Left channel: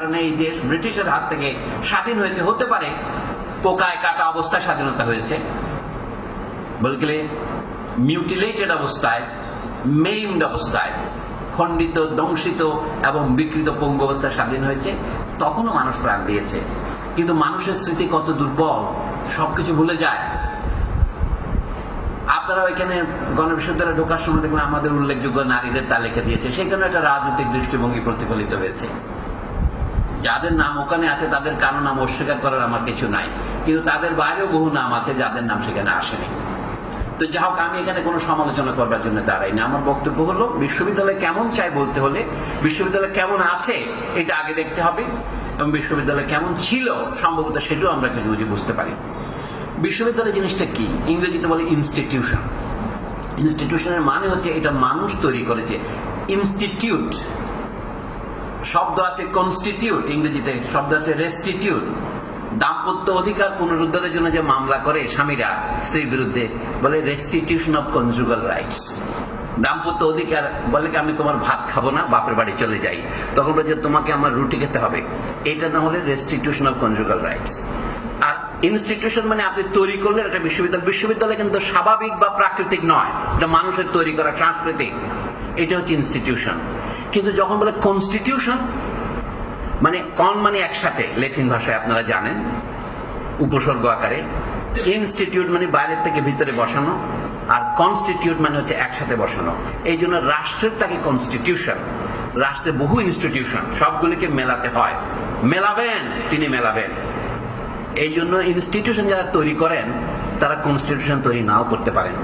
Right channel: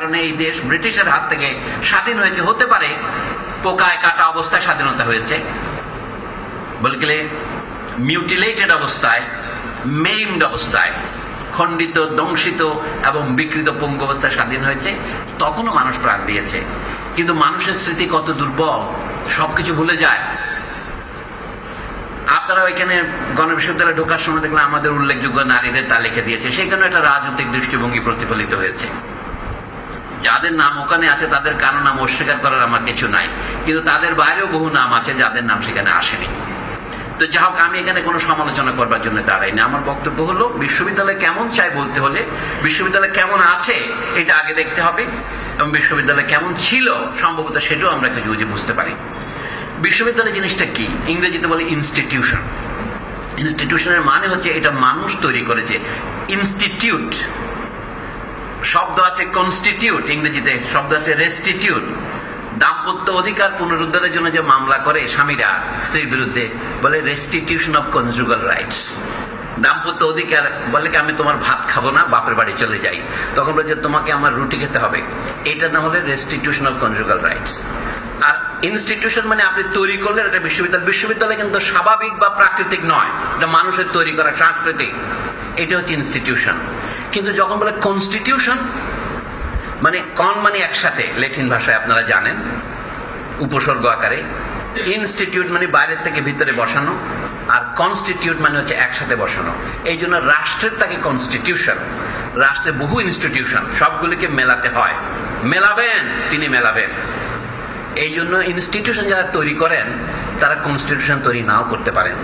কারণে এই দেশ ব্রিটিশের হাত থেকে স্বাধীন হয়েছে, হতে পারে পোকায় কাটা অবস্থায় স্বাধীনতা হয়েছে, বলতে মিউটিলেটেড অবস্থায়, মেইমড অবস্থায়, খণ্ডিত, দংশিত এবং বিকৃত পঙ্গু অবস্থায় স্বাধীন হয়েছে। তখনও মানুষ প্রাণ দিয়েছে, কিন্তু মানুষের স্মৃতি কত দুর্বল, সবকিছু ভুলে যায়। আপনারা এখানে গণবিশ্ববিদ্যালয়ে ঢোকার সময় দেখলাম আমাদের উল্লেখযোগ্য নারীদের তালিকা দিয়েছে, সেখানে একটা রাজনৈতিক দৃষ্টিভঙ্গি প্রতিফলিত হয়েছে। যাদের নাম ওখানে আছে তাদের কারো নাম অস্বীকার করার আমার কিছু নাই, কিন্তু তাদের বাইরেও বহু নাম আছে যাদের নাম সেখানে আসেনি। তো যা হোক, আমি এখানে কোনো সমালোচনা করবার জন্য দাঁড়াই না। আমার বক্তব্য হলো, বিশ্ববিদ্যালয় কেমন চাই বলতে হলে বিশ্ববিদ্যালয় কেমন আছে এটা আগে দেখতে হবে, এবং বিশ্ববিদ্যালয় কেমন ছিল সম্ভবত সেটাও আমরা কিছু বুঝতে পারি। বিশ্ববিদ্যালয় জিনিসটা কি? ইংরেজিতে বলে ইনস্টিটিউশন। ইনস্টিটিউশনের মানে হচ্ছে এটা মানুষ তৈরি করেছে। ইনস্টিটিউট শব্দ আছে, কনস্টিটিউট ইংরেজিতে শব্দ আছে রেস্টিটিউট। দাম্পত্য অধিকার পুনরুদ্ধারের জন্য যে মামলা করে স্বামীরা স্ত্রীর বিরুদ্ধে, বলে রেস্টিটিউশন অফ কনজুগাল রাইটস। দাম্পত্য অধিকার বলে কি, আমি তোমার ভাত খাবো না, বাপের বাড়ি চলে যাই, তখন বলে যে তোমাকে আমার রুটি খেতে হবে। এটা না হলে রেস্টিটিউশন অফ কনজুগাল রাইটস। আর ইনস্টিটিউশন মানে আপনি তৈরি করলেন একটা বিশ্ববিদ্যালয়। বিশ্ববিদ্যালয় কিন্তু স্বাভাবিক বা প্রাকৃতিক নয়, এটা মানুষের তৈরি করা সাংস্কৃতিক, এটা হচ্ছে ইনস্টিটিউশন। কিন্তু যখন বলে কনস্টিটিউশন, মানে কন মানে একসাথে, ল্যাটিন ভাষায় আপনারা জানেন উপসর্গ আকারে। ইনস্টিটিউট মানে বাইরের থেকে ভিতরে বসানো, আর কনস্টিটিউট মানে হচ্ছে একসাথে বসানো। এই জন্য রাষ্ট্রের তাকে কনস্টিটিউশন। রাষ্ট্রের বহু ইনস্টিটিউশন, সবগুলিকে মেলাতে হয়। মেলাবেন, তিনি মেলাবেন। এই জন্য ইনস্টিটিউশন যারা তৈরি করেন তারা কনস্টিটিউশন তৈরি নাও করতে পারেন।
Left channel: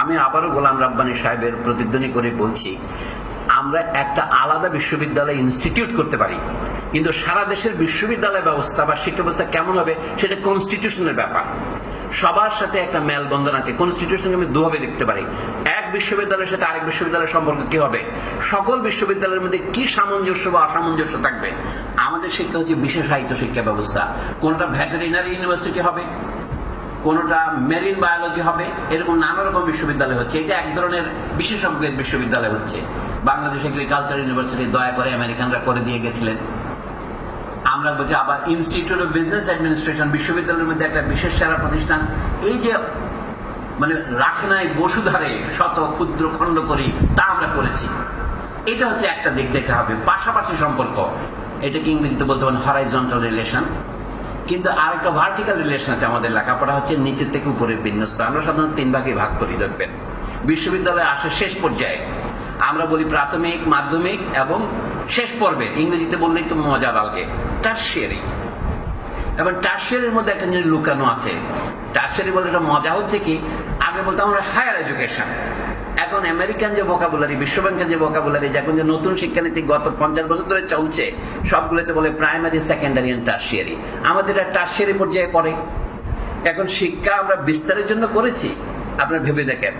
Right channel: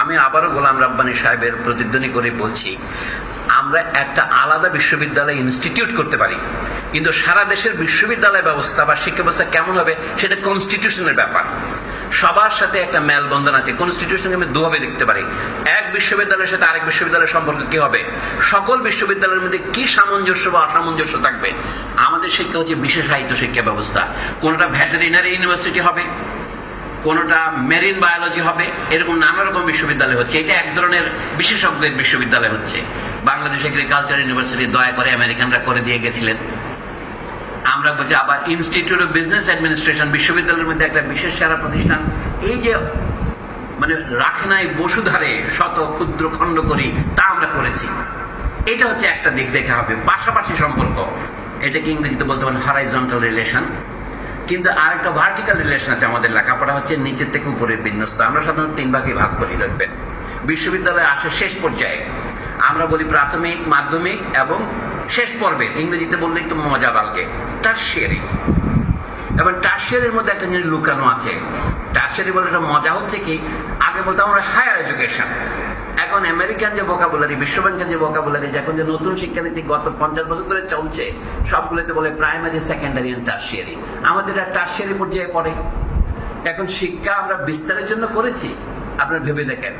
আমি আবারও গোলাম রাব্বানী সাহেবের প্রতিধ্বনি করে বলছি, আমরা একটা আলাদা বিশ্ববিদ্যালয় ইনস্টিটিউট করতে পারি, কিন্তু সারা দেশের বিশ্ববিদ্যালয় ব্যবস্থা বা শিক্ষা ব্যবস্থা কেমন হবে সেটা কনস্টিটিউশনের ব্যাপার। সবার সাথে একটা মেলবন্ধন আছে। কনস্টিটিউশনকে আমি দুভাবে দেখতে পারি। এক বিশ্ববিদ্যালয়ের সাথে আরেক বিশ্ববিদ্যালয়ের সম্পর্ক কি হবে, সকল বিশ্ববিদ্যালয়ের মধ্যে কি সামঞ্জস্য বা অসামঞ্জস্য থাকবে। আমাদের শিক্ষা হচ্ছে বিশেষায়িত শিক্ষা ব্যবস্থা। কোনটা ভেটেরিনারি ইউনিভার্সিটি হবে, কোনটা মেরিন বায়োলজি হবে, এরকম নানা রকম বিশ্ববিদ্যালয় হচ্ছে। এটা এক ধরনের বিশেষজ্ঞের বিশ্ববিদ্যালয় হচ্ছে। বাংলাদেশ এগ্রিকালচার ইউনিভার্সিটি দয়া করে আমেরিকানরা করে দিয়ে গেছিলেন। আমরা বলছি আবার ইনস্টিটিউট অফ বিজনেস অ্যাডমিনিস্ট্রেশন, বিশ্ববিদ্যালয়ের মধ্যে একটা বিশেষ সেরা প্রতিষ্ঠান। এই যে মানে রাখে নাই বসুধারে শত ক্ষুদ্র খণ্ড করি, তা আমরা করেছি। এটা হচ্ছে একটা দিক দেখা হবে, পাশাপাশি সম্পর্ক। এটাকে ইংরেজিতে বলতে পারেন হরাইজন্টাল রিলেশন। কিন্তু আরেকটা ভার্টিক্যাল রিলেশন আছে। আমাদের লেখাপড়া হচ্ছে নিচের থেকে উপরের বিন্যস্ত। আমরা সাধারণত 3 ভাগে ভাগ করি। দেখবেন বিশ্ববিদ্যালয়ে আসে শেষ পর্যায়ে, আমরা বলি প্রাথমিক, মাধ্যমিক এবং শেষ পর্বের, ইংরেজিতে বললে একটু মজা লাগে, টারশিয়ারি। এবং টারশিয়ারির মধ্যে একটা জিনিস লুকানো আছে। টারশিয়ারি বলতে একটা মজা হচ্ছে কি, আগে বলতে আমরা হায়ার এডুকেশন। এখন আমেরিকান যে ভোকাবুলারি, বিশ্ব ব্যাংকের যে ভোকাবুলারি, এখন যে নতুন শিক্ষানীতি গত 50 বছর ধরে চলছে, সবগুলোতে বলে প্রাইমারি, সেকেন্ডারি এন্ড টারশিয়ারি। আমাদের টারশিয়ারি পর্যায়ে পড়ে। এখন শিক্ষা আমরা বিস্তারের জন্য করেছি। আপনারা ভেবে দেখেন,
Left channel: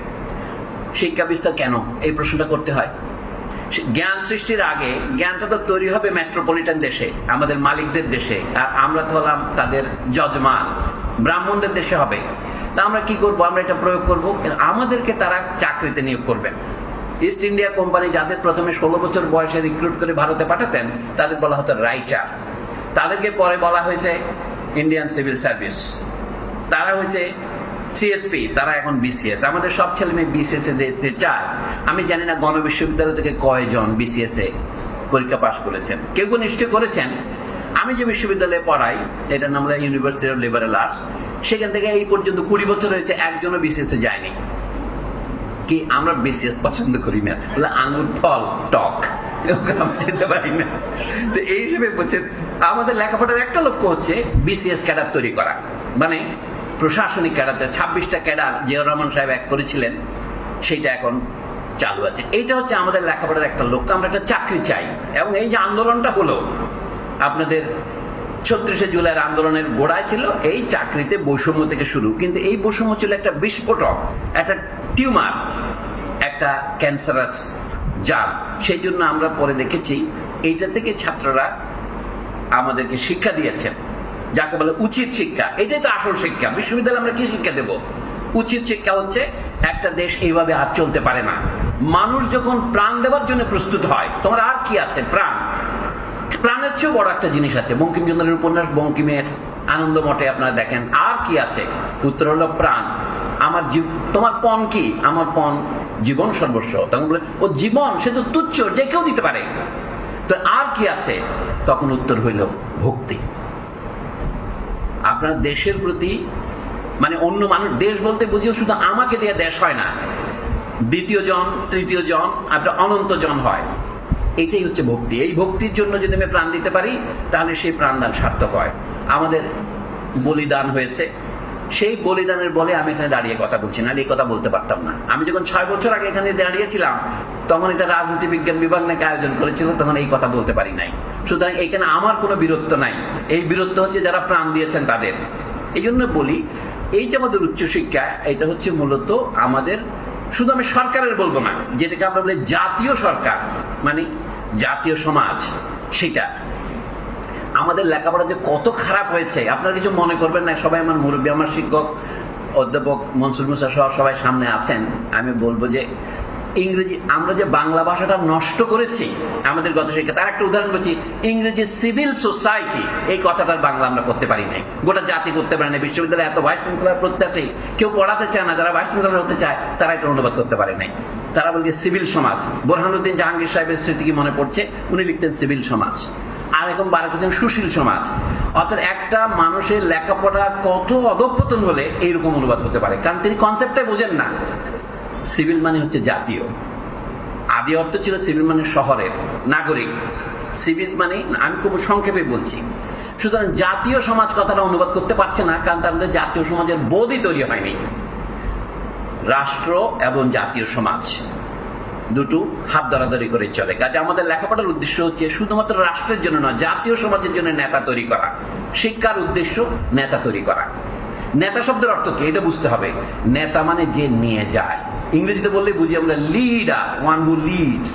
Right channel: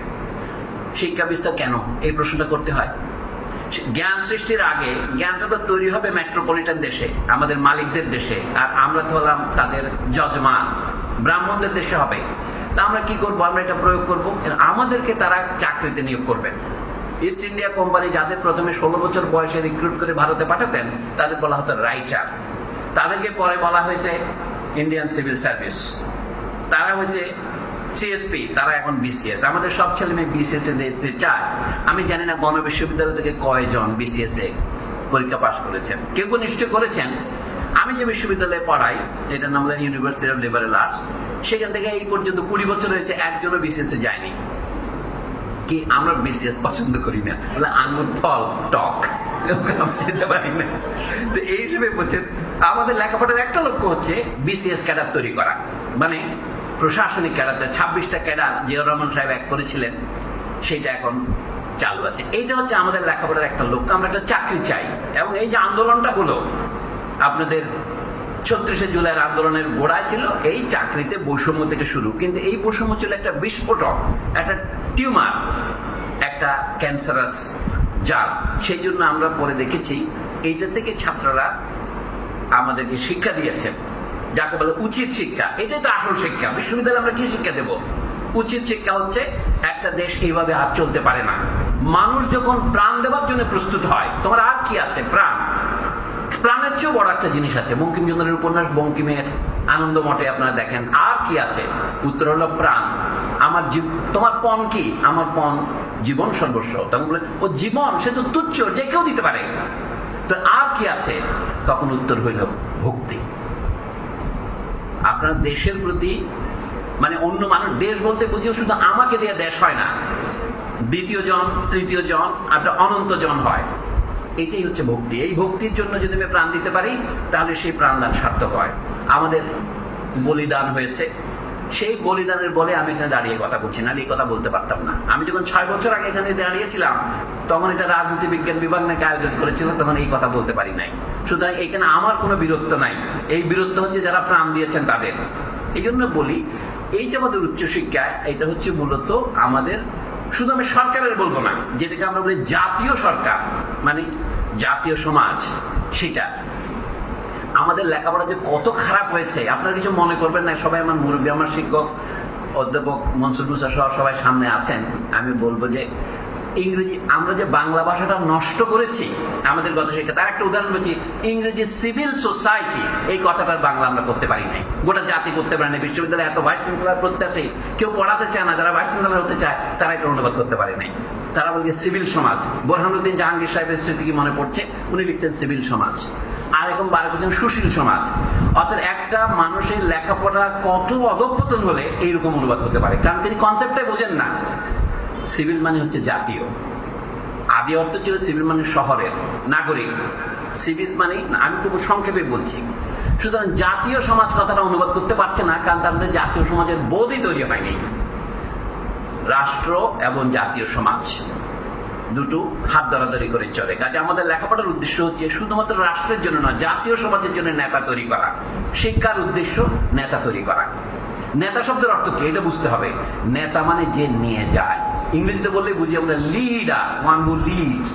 শিক্ষা বিস্তার কেন, এই প্রশ্নটা করতে হয়। জ্ঞান সৃষ্টির আগে জ্ঞানটা তো তৈরি হবে মেট্রোপলিটন দেশে, আমাদের মালিকদের দেশে, আর আমরা তো হলাম তাদের যজমান, ব্রাহ্মণদের দেশে হবে। তা আমরা কি করব? আমরা এটা প্রয়োগ করব, আমাদেরকে তারা চাকরিতে নিয়োগ করবেন। ইস্ট ইন্ডিয়া কোম্পানি যাদের প্রথমে 16 বছর বয়সে রিক্রুট করে ভারতে পাঠাতেন, তাদের বলা হতো রাইটার। তাদেরকে পরে বলা হয়েছে ইন্ডিয়ান সিভিল সার্ভিস। তারা হয়েছে সিএসপি, তারা এখন বিসিএস। আমাদের সব ছেলে মেয়ে বিসিএস এ যেতে চায়। আমি জানি না গণবিশ্ববিদ্যালয় থেকে কয়জন বিসিএস এ পরীক্ষা পাশ করেছেন, কেউ কেউ নিশ্চয় করেছেন। আমি যে বিশ্ববিদ্যালয়ে পড়াই, এটার নাম হলো ইউনিভার্সিটি অফ লিবারেল আর্টস, সেখান থেকে এই পর্যন্ত 20 বছর হয়েছে একজনও বিসিএস এ যায়নি। কি আমরা বিসিএস পছন্দ করি না, বলে আঙুর ফল টক, যেতে পারি না। তো এই হিসেবে বলছেন, আমাদের লেখাপড়ার একটা লক্ষ্য হচ্ছে বিসিএস ক্যাডার তৈরি করা, মানে প্রশাসনিক ক্যাডার। 26টা ক্যাডার জিয়াউর রহমান সাহেব এক করেছিলেন, সেইটা এখন চালু আছে। এইটা হচ্ছে আমাদের লেখাপড়ার একটা লক্ষ্য। আমরা একটা চাকরি চাই। এবং এই যে আন্দোলনটা হলো আপনাদের 36শে জুলাইয়ের আন্দোলনের গোড়ায় ছিল এই চাকরিতে বৈষম্য থেকে শুরু। কিন্তু এই বৈষম্য ছিল একটা বিস্ফোটক, একটা টিউমার, একটা ক্যান্সারাস জাল। সেই জন্য আমরা পরে দেখেছি এইটা থেকে ছাত্ররা আমাদেরকে শিক্ষা দিয়েছেন, যাকে বলে উচিত শিক্ষা। এটাই তো আসল শিক্ষা। বিশ্ববিদ্যালয়ে আমরা কি শিক্ষা দেব? উচিত শিক্ষা হচ্ছে একটা দেশ এইভাবে আর চলতে পারে না। মানুষ যখন প্রাণ দেওয়ার জন্য প্রস্তুত হয়, তোমার আর কি আছে? প্রাণ। প্রাণের চেয়েও বড় একটা জিনিস আছে। বঙ্কিমচন্দ্রের উপন্যাস বঙ্কিমের আনন্দ মঠে আপনারা দেখেন, আর কি আছে? উত্তর হলো প্রাণ। তোমার পণ কি? আমার পণ জীবন সর্বস্ব। তখন বলে ও জীবন সে তো তুচ্ছ, যে কেউ দিতে পারে, তো আর কি আছে? তখন উত্তর হইল ভক্তি। আপনার দেশের প্রতি, মানে অন্য মানুষ, দেশ বলতে বুঝিও শুধু আমাকে দিয়ে দেশ হয় না, দ্বিতীয় জন, তৃতীয় জন, আপনার অনন্ত জন হয়। এটাই হচ্ছে ভক্তি। এই ভক্তির জন্য যদি আমি প্রাণ দিতে পারি, তাহলে সেই প্রাণদান সার্থক হয়। আমাদের বলিদান হয়েছে, সেই বলিদানের বলে আমি এখানে দাঁড়িয়ে কথা বলছি, না এই কথা বলতে পারতাম না। আমি যখন 6 বছর আগে এখানে দাঁড়িয়েছিলাম, তখন এটা রাজনীতি বিজ্ঞান বিভাগ নাকি আয়োজন করেছিল, তখন এই কথা বলতে পারি নাই। সুতরাং এখানে আমার কোনো বীরত্ব নাই, এই বীরত্ব হচ্ছে যারা প্রাণ দিয়েছেন তাদের। এই জন্য বলি, এই যে আমাদের উচ্চশিক্ষা, এটা হচ্ছে মূলত আমাদের, শুধু আমি সরকারের বলবো না, যেটাকে আমরা বলি জাতীয় সরকার, মানে জাতীয় সমাজ, সেটা। আমাদের লেখাপড়া যে কত খারাপ হয়েছে আপনারা কিছু মনে করবেন না। সবাই আমার মুরব্বী, আমার শিক্ষক অধ্যাপক মনসুর মুসা সহ সবাই সামনে আছেন। আমি বলবো যে ইংরেজি, আমরা যে বাংলা ভাষাটা নষ্ট করেছি আমাদের গত শিক্ষা, তার একটা উদাহরণ হচ্ছে ইংরেজি সিভিল সোসাইটি, এই কথাটার বাংলা আমরা করতে পারি নাই, গোটা জাতি করতে পারি না। বিশ্ববিদ্যালয়ে এত ভাইস চ্যান্সেলর প্রত্যাশী, কেউ পড়াতে চায় না, যারা ভাইস চ্যান্সেলর হতে চায় তারা এটা অনুবাদ করতে পারে নাই। তারা বলছে সিভিল সমাজ। বোরহানুদ্দিন জাহাঙ্গীর সাহেবের স্মৃতি কি মনে পড়ছে, উনি লিখতেন সিভিল সমাজ। আর এখন বার করছেন সুশীল সমাজ। অর্থাৎ একটা মানুষের লেখাপড়া কত অধঃপতন হলে এইরকম অনুবাদ হতে পারে, কারণ তিনি কনসেপ্টটাই বোঝেন না। সিভিল মানে হচ্ছে জাতীয়, আদি অর্থ ছিল সিভিল মানে শহরের নাগরিক, সিভিল মানে, আমি খুব সংক্ষেপে বলছি। সুতরাং জাতীয় সমাজ কথাটা অনুবাদ করতে পারছে না, কারণ তাদের জাতীয় সমাজের বোধই তৈরি হয়নি। রাষ্ট্র এবং জাতীয় সমাজ দুটো হাত ধরাধরি করে চলে। কাজে আমাদের লেখাপড়ার উদ্দেশ্য হচ্ছে শুধুমাত্র রাষ্ট্রের জন্য নয়, জাতীয় সমাজের জন্য নেতা তৈরি করা। শিক্ষার উদ্দেশ্য নেতা তৈরি করা। নেতা শব্দের অর্থ কি এটা বুঝতে হবে। নেতা মানে যে নিয়ে যায়, ইংরেজিতে বললে বুঝি আমরা লিডার, ওয়ান হু লিডস।